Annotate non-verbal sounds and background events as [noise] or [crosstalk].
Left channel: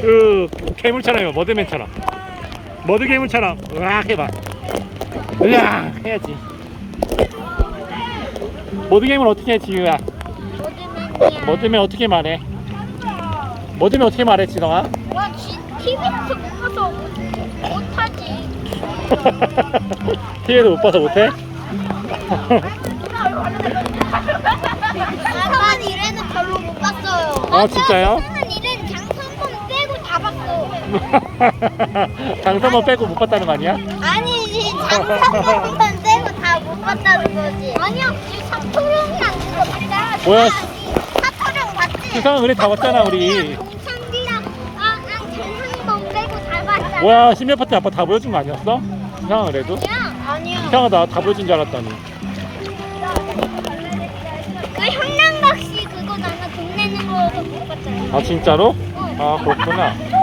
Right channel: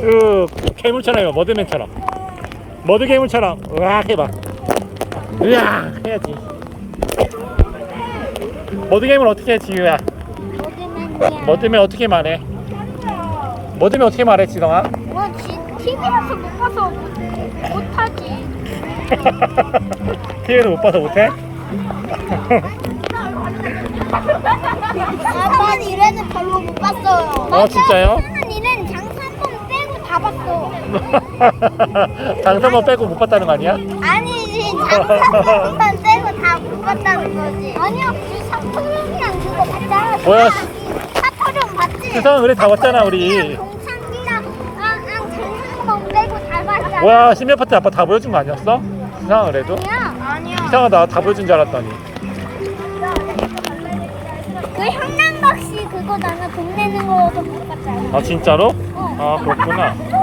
그 괴물처럼 요 머드맨처럼 머드괴물처럼 와 해봐 으악 해야지 머드괴물 어떻게 해 지유야 머드맨이야 머드맨 어떻게 말해 머드맨 어떻게 말해 지성아 TV에서 못 봐서 못하지 t 에서못 봐서 못해? 아빠 이래는 별로 못 봤어요 [laughs] [laughs] 아 진짜요? 장사 뭐 [laughs] 빼고 묶었다는 거 아니야? 아니지. 장사만 [laughs] 빼고 다 묶었다는 거지. [laughs] 아니요, 안 야, 아니, 없지. 사토령이랑 그거 봤 뭐야? 사토령 봤지? 세상 그래 잡았잖아, 우리. 뭐야 심리트 아빠 다 보여준 거 아니었어? 이상 그래도? 아니야 아니야 이상하다 다 보여준 줄 알았다니 왜 [laughs] 그 현란박씨 그거 나는 돈 내는 거못 봤잖아 아 진짜로? [laughs] 啊，好困啊。